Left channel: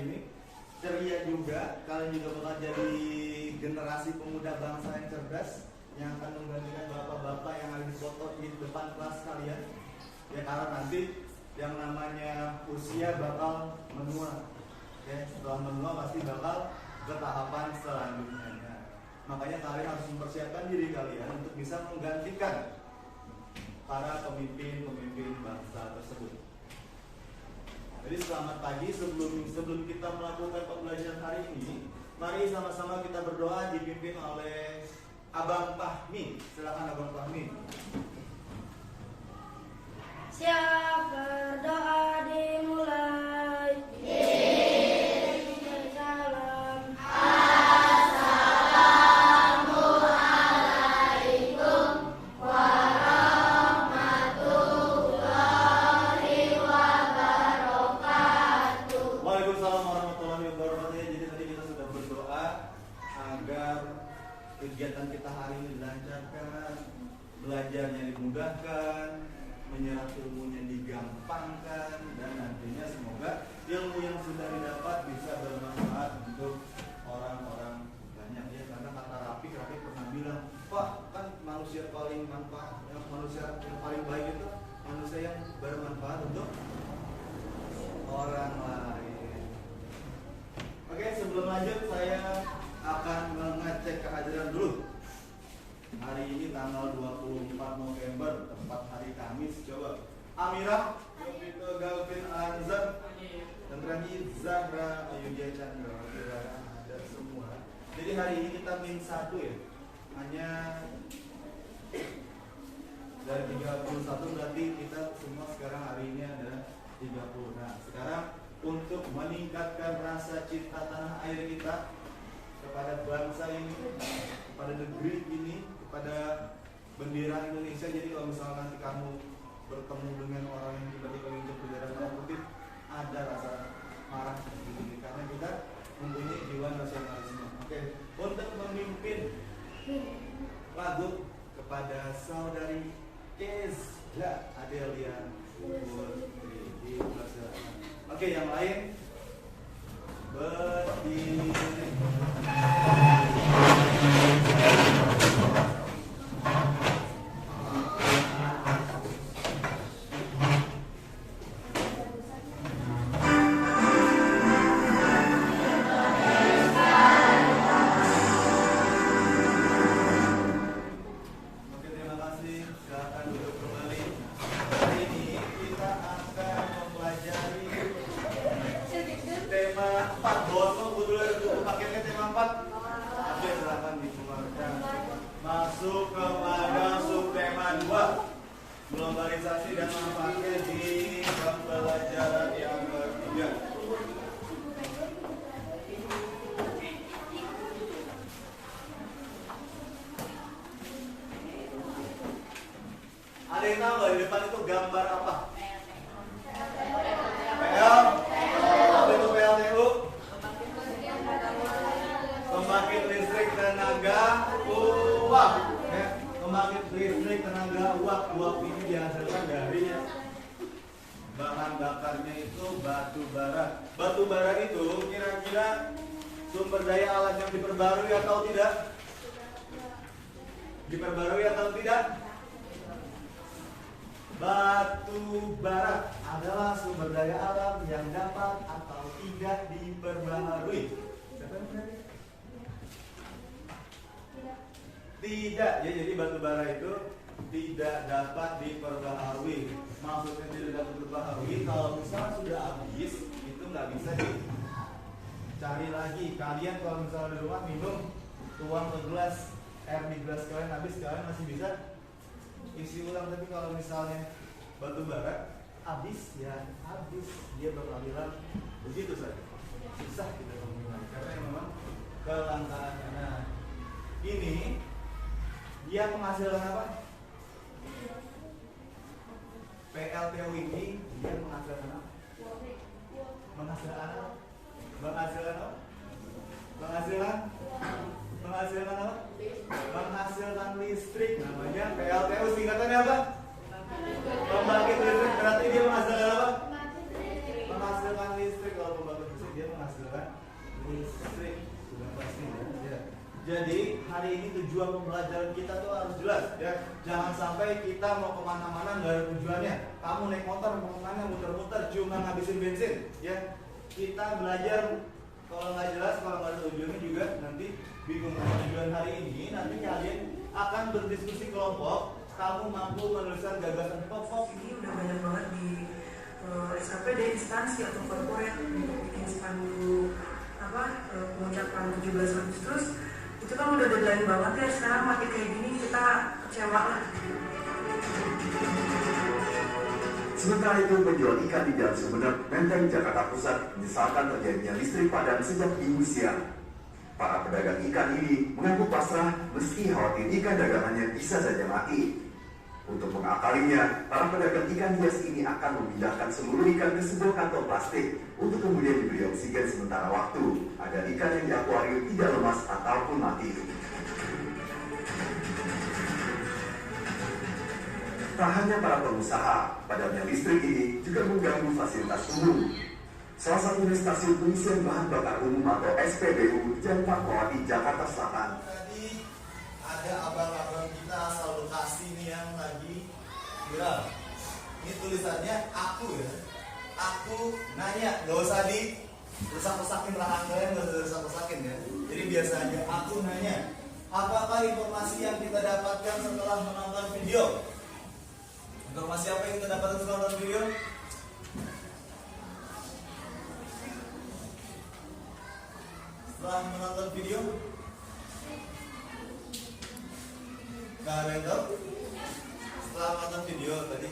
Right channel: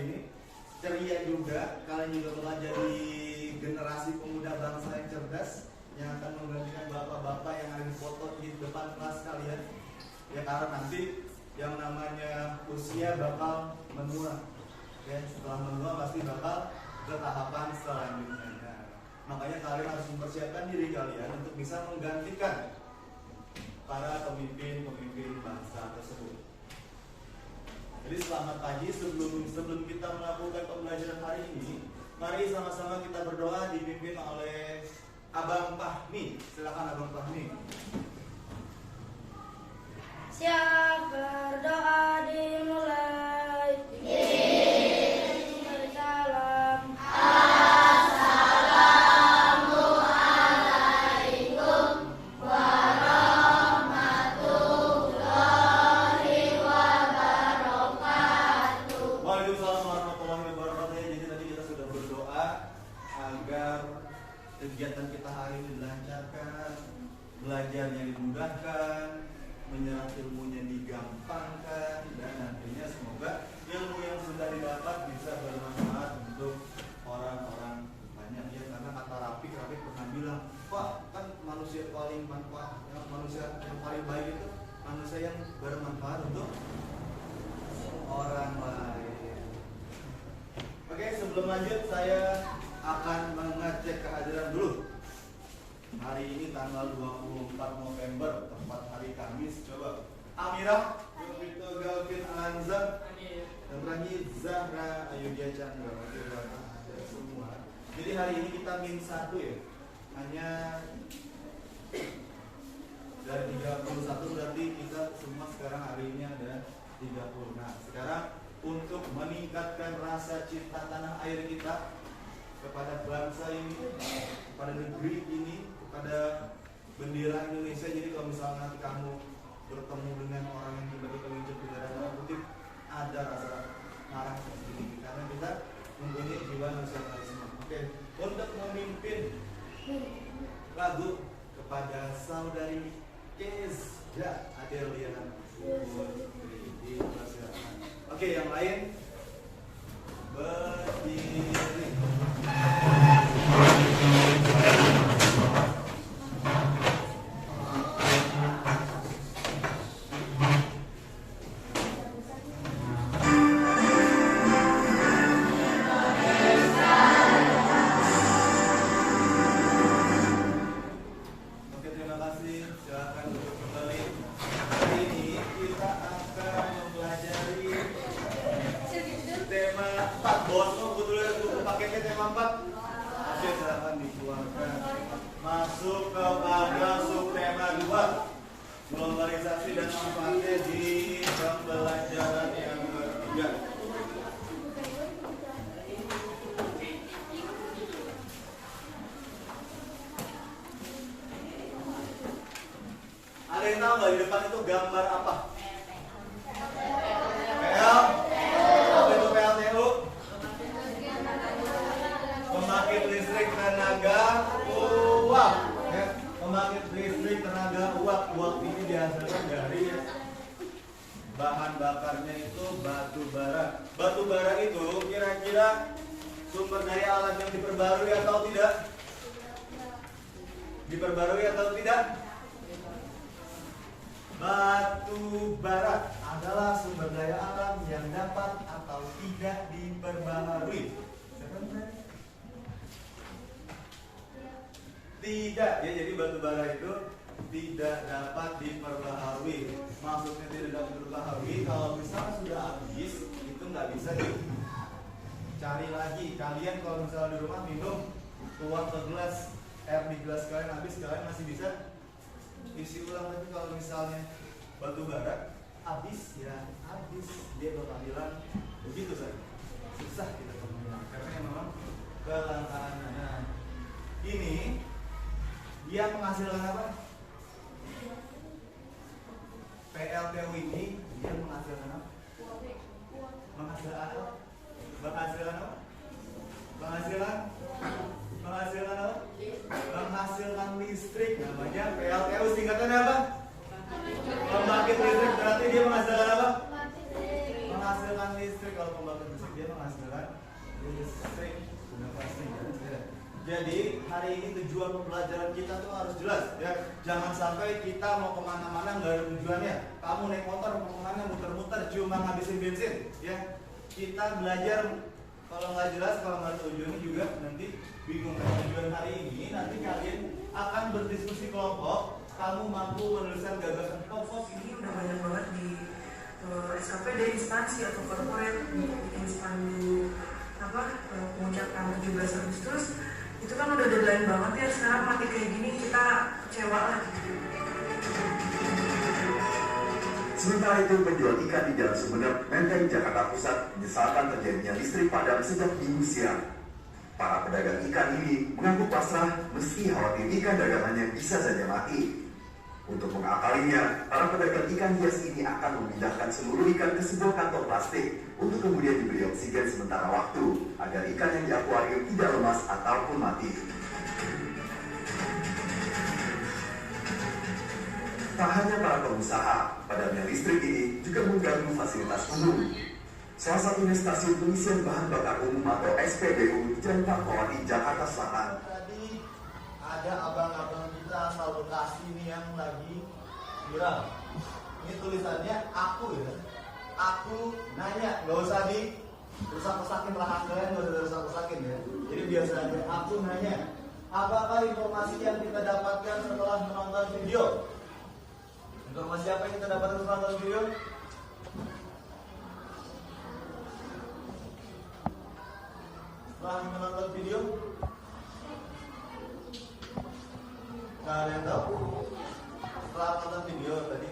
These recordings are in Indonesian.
ini ceria juga. Kalian juga bakal jadi generasi pemuda bangsa yang cerdas, yang akan menggantikan bapak-bapak yang ada di foto di depan kelas kalian. Ya, karena nanti yang namanya usia bakal menua. Oke, setelah menua pasti bakal ke tahapan selanjutnya. Nah, makanya kalian harus mempersiapkan diri kalian untuk bisa menggantikan para pemimpin-pemimpin bangsa tersebut. Jadi selamat pagi. Sebelum kita melakukan pembelajaran hari ini, mari sama-sama kita berdoa dipimpin oleh Abang Fahmi. Silakan Abang Fahmi. Siap, berdoa dimulai. Salam. Assalamualaikum warahmatullahi wabarakatuh. Waalaikumsalam warahmatullahi wabarakatuh. Jadi tadi kita sudah berdoa agar kegiatan kita hari ini dilancarkan, belajarnya dimudahkan, menyerap ilmunya digampangkan, dan nantinya semoga ilmu yang sudah didapat bisa bermanfaat untuk orang-orang banyak ya. Karena kata Rafi pernah bilang, Pak, kan manusia paling manfaat, manusia yang paling baik itu manusia yang bermanfaat untuk orang lain. Oke, sebelum lanjut saya akan mengecek kehadiran dulu. Hari ini tanggal 24 November, tepat hari Kamis. Coba Amira, Yovito, Galvin, Anzar, dan Rani, Zahra, Ayudya Chandra. Oke, ada semua. Jadi hari ini kita min 1 ya. Hanya dari 31 berarti kita semua sekarang hari ini ada 30. Nah, sekarang untuk meningkatkan rasa cinta tanah air kita kepada bangsa ini, kepada negeri ini, kepada bendera Indonesia. Jadi kalau misalnya nanti kamu bertemu dengan orang yang tiba-tiba menunjuk bendera merah putih, ada rasa marah sedikit karena kita mempunyai jiwa nasionalisme. Oke, untuk memimpin lagu kepada saudari Kezda Adelia Putri di persilakan. Oke, yang lain berdiri. Masuk kepada subtema 2, globalisasi dan manfaatnya di pembelajaran yang ketiga. Ada yang tahu nggak di depan itu gambar apa? PL? Apa itu PLTU? Pembangkit listrik tenaga uap. Ya, pembangkit listrik tenaga uap. Uap ini dihasilkan dari bahan bakarnya itu batu bara. Batu bara itu kira-kira sumber daya alam yang diperbarui atau tidak? Diperbarui atau tidak? Batu bara adalah sumber daya alam yang dapat atau tidak diperbarui. Tidak, ya, jadi batu bara itu tidak dapat diperbaharui. Maksudnya tidak dapat diperbaharui kalau misalnya sudah habis itu nggak bisa dicari lagi. Kalian kalau misalnya di rumah minum, tuang ke gelas, air di gelas kalian habis, kalian masih bisa isi ulang. Tapi kalau misalnya batu bara habis, ya habis, dia bakal hilang begitu saja. Susah kita mengulang karena memang kelangkaannya. Nah, ini dia menghasilkan apa? PLTU ini dia menghasilkan apa? Menghasilkan apa? Menghasilkan apa? Menghasilkan listrik, namanya PLTU. Singkatannya apa? Pembangkit listrik. Berarti dia menghasilkan apa? Menghasilkan listrik. Kalau pembangkit listrik dia menghasilkan Jadi hari ini tujuan pembelajaran kita tuh harus jelas ya. Jangan sampai kita mau kemana-mana nggak ada tujuannya. Kamu naik motor mau kemana muter-muter cuma ngabisin bensin ya. Kita belajar kalau nggak jelas, kalau nggak ada tujuannya juga nanti bingung. Tujuan hari ini nanti kalian akan berdiskusi kelompok. Kamu mampu menuliskan gagasan pokok. Ini udah banyak banget di SKPD instansi atau korporat bikin spanduk pengucapan 17 Agustus. Itu kan udah deadline banget ya, sekarang mati kayak gini kita kecewa lah. Sementara itu, penjual ikan di Jalan Sumeneb, Menteng, Jakarta Pusat menyesalkan terjadinya listrik padam sejak Minggu siang. Para pedagang ikan ini mengaku pasrah meski khawatir ikan dagangannya bisa saja mati. Untuk mengakalinya, para pedagang ikan hias ini akan memindahkan seluruh ikan ke sebuah kantong plastik untuk kemudian diberi oksigen sementara waktu agar ikan yang di akuarium tidak lemas ataupun mati. Tak hanya para pengusaha, padamnya listrik ini juga mengganggu fasilitas umum. Salah satunya stasiun pengisian bahan bakar umum atau SPBU Jalan Fatmawati, Jakarta Selatan. Tadi ada abang-abang kita asal Bekasi nih yang lagi viral. Ini tulisannya aku ya. Aku nanya, gak usah di rusak-rusakin lahan kalian, gak usah rusak-rusakin ya. Jadi biasanya aku nanya, apakah informasi yang kita dapatkan setelah menonton video? Informasi apa yang kita dapatkan setelah menonton video? Setelah menonton video, kalian tahu? Setelah menonton video tadi,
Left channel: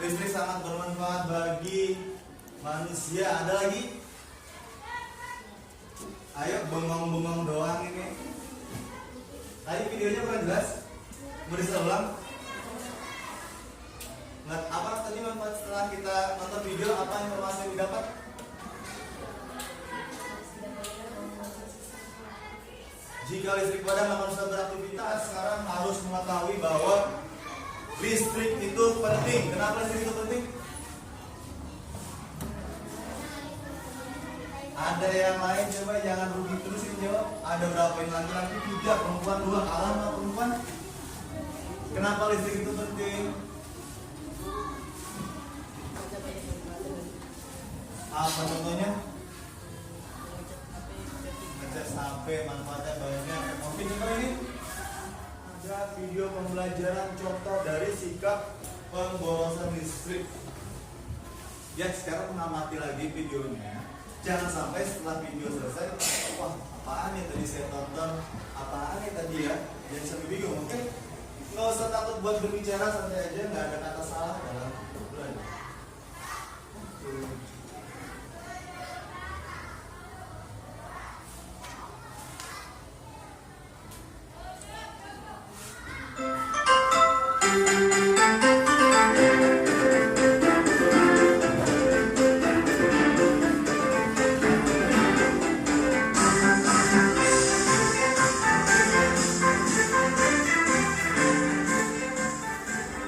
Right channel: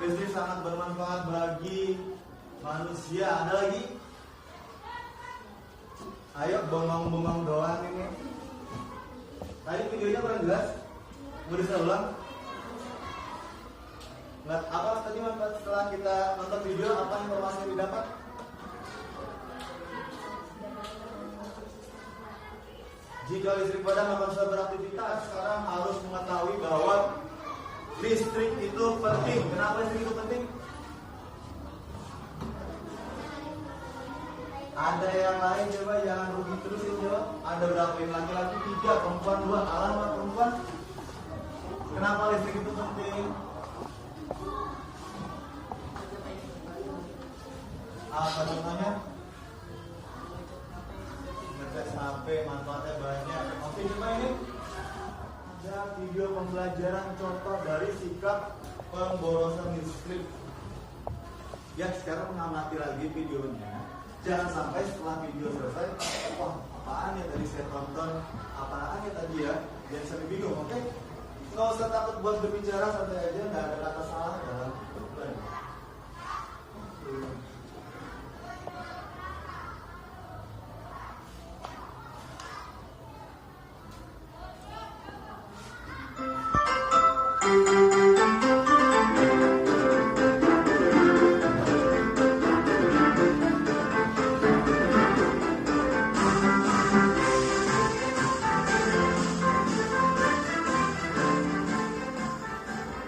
listrik sangat bermanfaat bagi manusia. Ada lagi? Ayo bengong-bengong doang ini. Tadi videonya kurang jelas. Mau bisa ulang? Nggak, apa tadi manfaat setelah kita nonton video? Apa informasi yang didapat? Jika listrik padam akan bisa beraktivitas, sekarang harus mengetahui bahwa listrik itu penting. Kenapa listrik itu penting? Ada yang lain coba, jangan rugi terusin jawab. Ada berapa yang laki-laki? 3, perempuan 2. Alamat perempuan. Kenapa listrik itu penting? Apa contohnya? Ngecas HP, manfaatnya banyak. Oke, coba ini ada video pembelajaran contoh dari sikap pemborosan listrik. Ya, sekarang mengamati lagi videonya. Jangan sampai setelah video selesai, wah apaan ya tadi saya tonton, apaan ya tadi ya, jangan sampai bingung, oke? Nggak usah takut buat berbicara, santai aja, nggak ada kata salah dalam berbicara.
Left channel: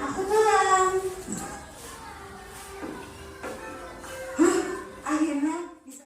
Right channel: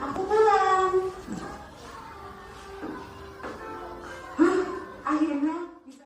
Aku pulang. Akhirnya bisa.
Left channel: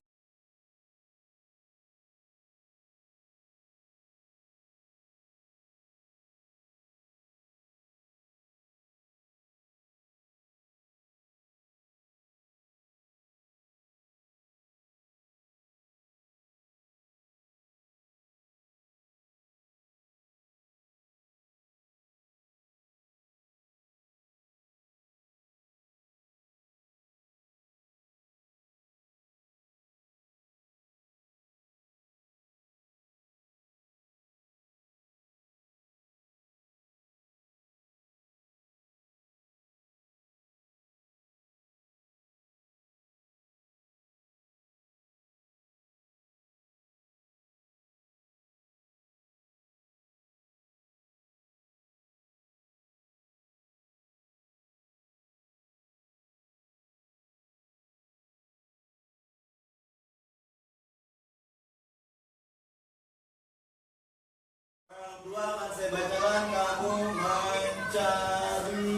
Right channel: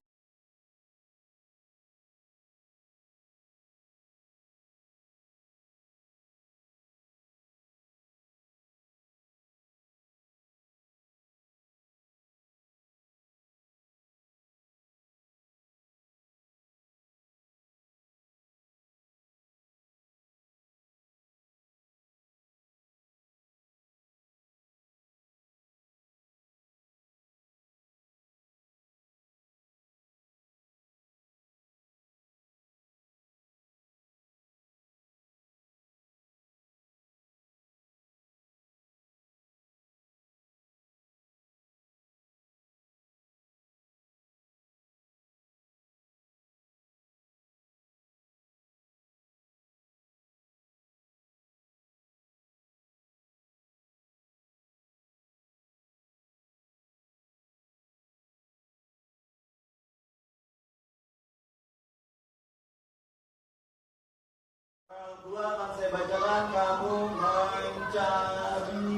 Dua akan saya bacakan, kamu mencari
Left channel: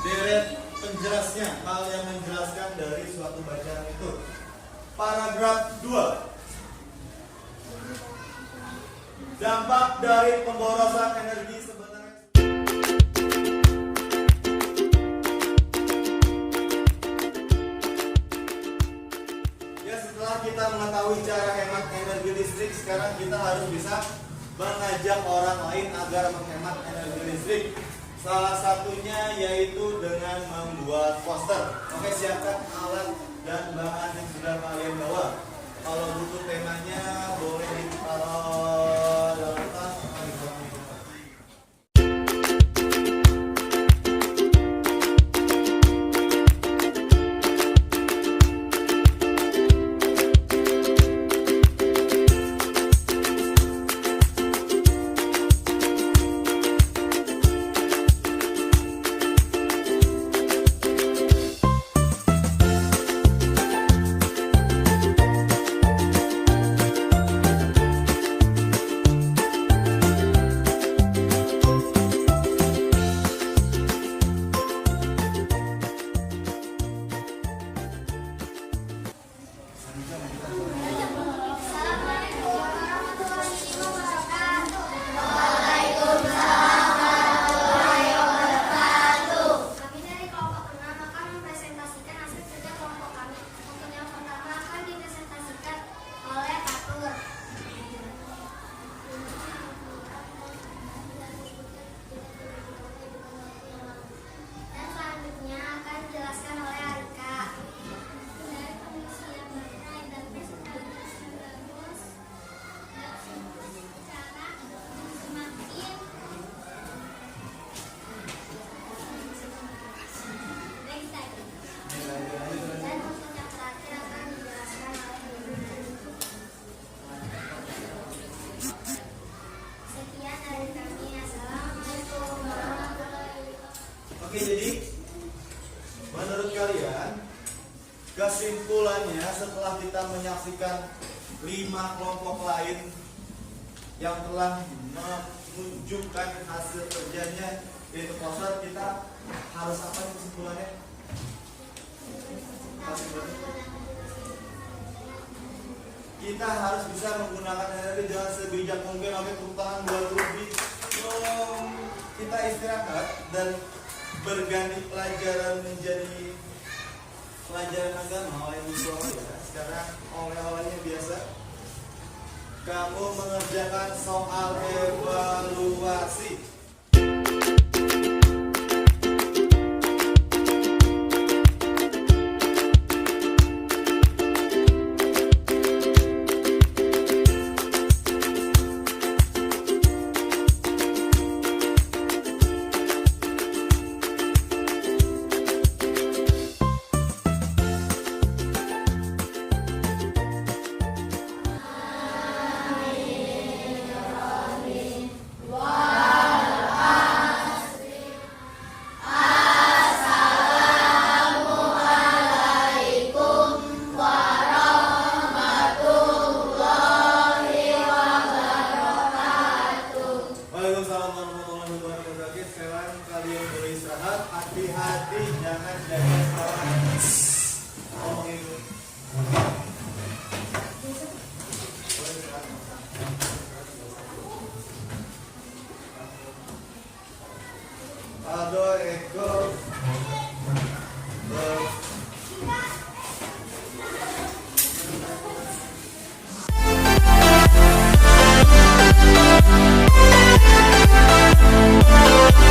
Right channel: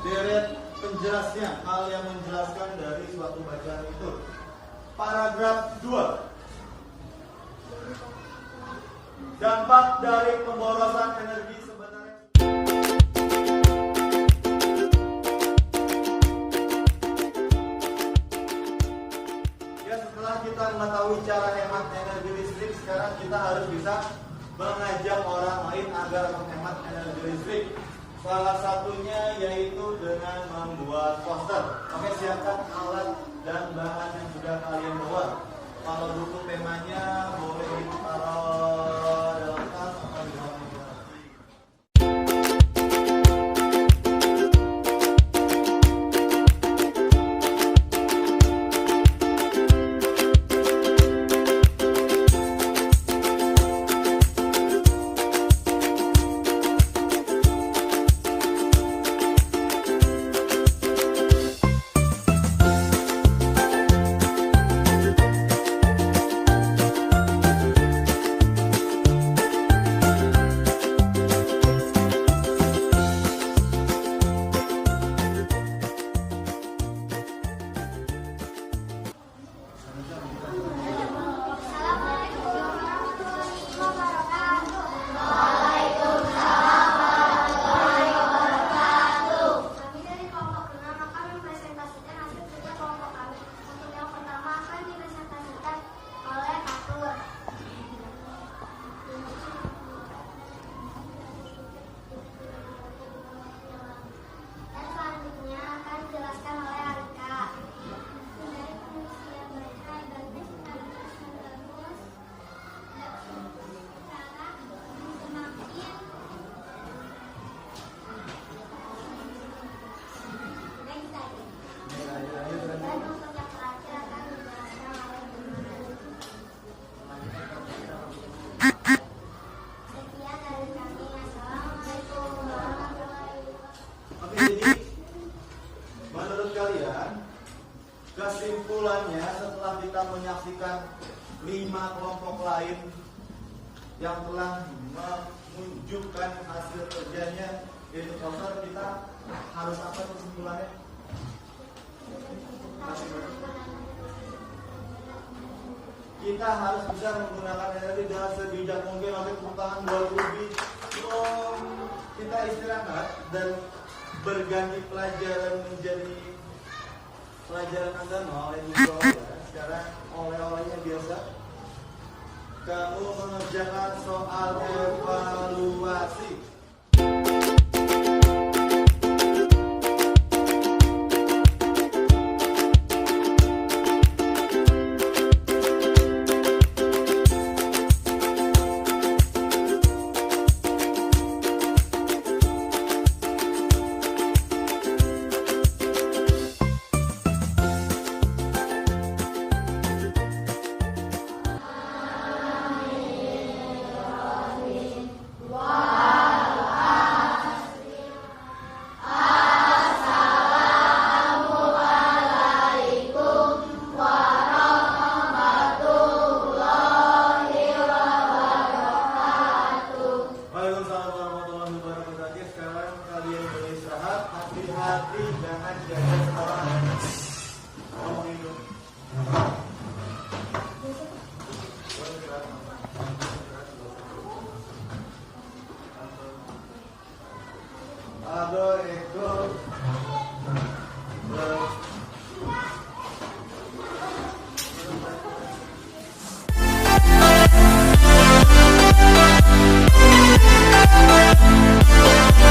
deret penjelasnya, hal yang menjelaskan dari suatu bacaan itu. Paragraf 2. Dampak dari pemborosan energi sebenarnya. Ya, setelah kita mengetahui cara hemat energi listrik, sekarang kita harus bisa mengajak orang lain agar menghemat energi listrik. Salah satunya yaitu dengan membuat poster. Oke, siapkan alat dan bahan yang sudah kalian bawa. Kalau butuh temanya boleh ditaruh dalam tas atau di bawah meja. Kami dari kelompok 6 akan mempresentasikan hasil kerja kelompok kami. Untuk yang pertama akan dipresentasikan oleh Fatur. Dan selanjutnya akan dijelaskan oleh Arika. Dari komisi yang berkait dan presentasi yang bagus dan cara semakin next time. Dan untuk yang terakhir akan dijelaskan oleh sekian dari kami. Assalamualaikum warahmatullahi wabarakatuh. Oke, jadi menurut kalian kesimpulannya setelah kita menyaksikan 5 kelompok lain yang telah menunjukkan hasil kerjanya di poster, kita harus apa nih kesimpulannya? Kita harus bisa menggunakan energi dengan sebijak mungkin. Oke, tepuk tangan buat Ruby. Kita istirahat dan berganti pelajaran menjadi pelajaran agama oleh Ibu ya. Sekarang oleh-olehnya biasa. Kamu mengerjakan soal evaluasi.